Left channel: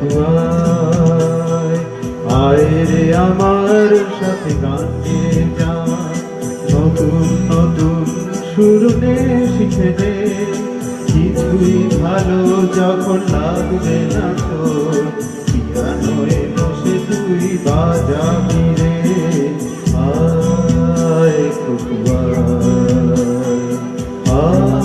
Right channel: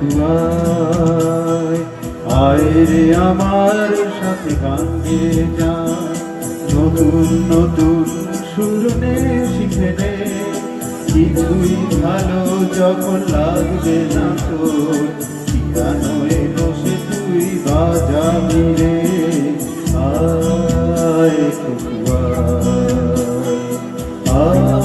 খুকুয়ায় আয় রে আমার সাথে গান গেয়ে যায় নতুন নতুন সুর নে শিখে নে কিছুই ভালো যখন লাগবে না তোর পিয়ানোয় বসে তুই বাজাবি রে আয় খুকুয়ায় আয়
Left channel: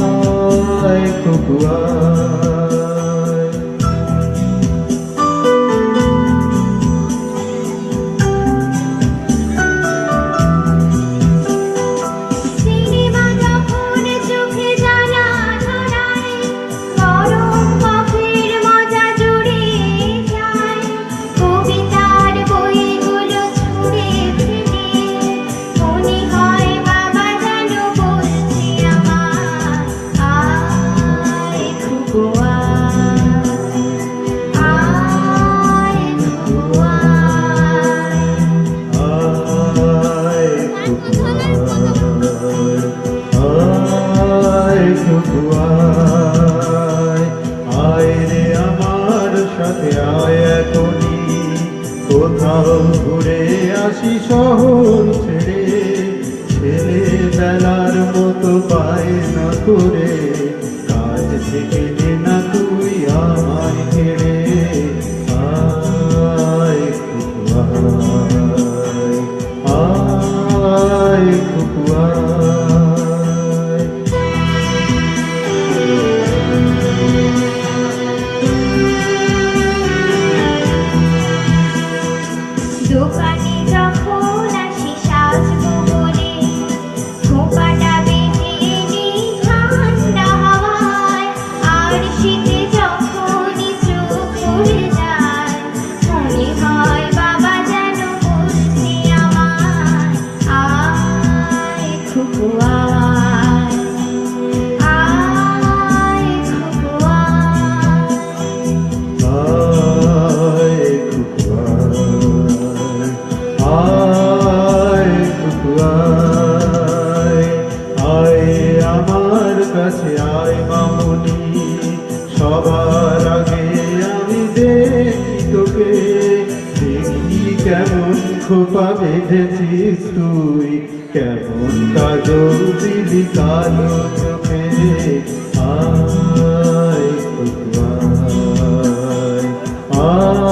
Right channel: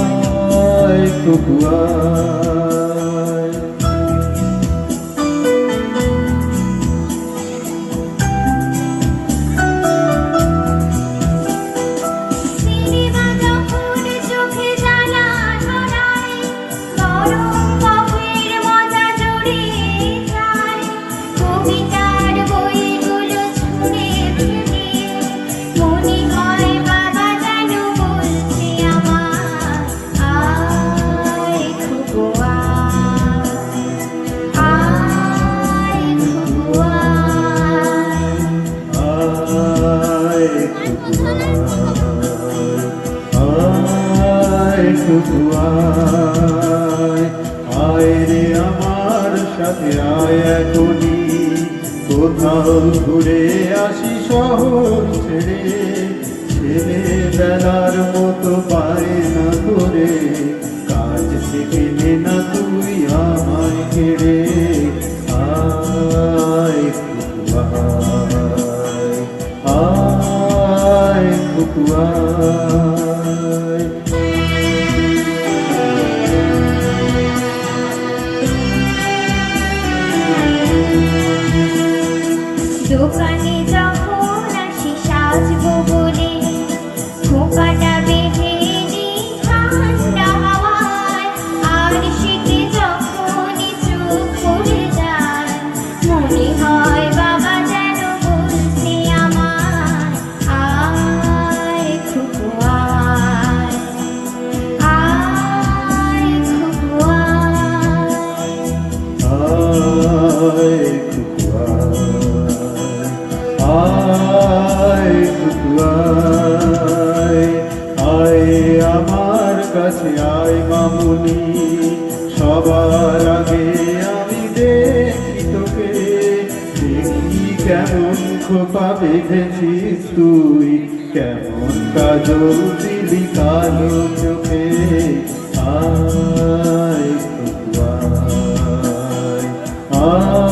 খুকুয়ায় আয় রে আমার সাথে আয় এখনি কোথাও ঘুরে আসি শহর ছেড়ে ছেলে বেলার মতো বায়না করে কাজ থেকে না তুই আমায় ছেড়ে আয় খুকুয়ায় আয় খুকুয়ায় দোকানে যখন আসি সাজবো বলে খোপাটা বেঁধে নিই ঠান্ডা হাওয়ায় আর শীতে যখনই চোখ পড়ে যায় মনে হয় বাবা যেন বলছে আমায় আয় খুকুয়ায় আয় খুকুয়ায় আয় আমার কাছে আয় মামুনি সবার আগে আমি দেখি তোকে দেখি কেমন খোপা বেঁধেছিস তুই কেমন কাজল দিলি কালো চোখে আয় খুকুয়ায় আয়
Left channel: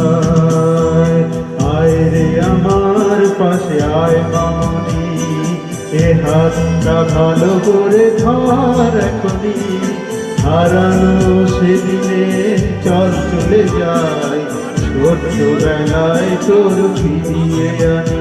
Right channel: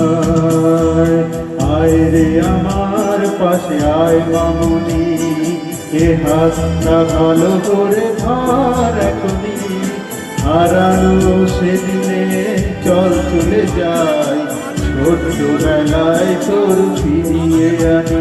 খুকুয়ায় আয় রে আমার পাশে আয় মামুনি এ হাতটা ভালো করে ধর এখনি হারানো সেদিনে চল চলে যাই ছোট্টবেলায় তোর ফিরিয়ে আনি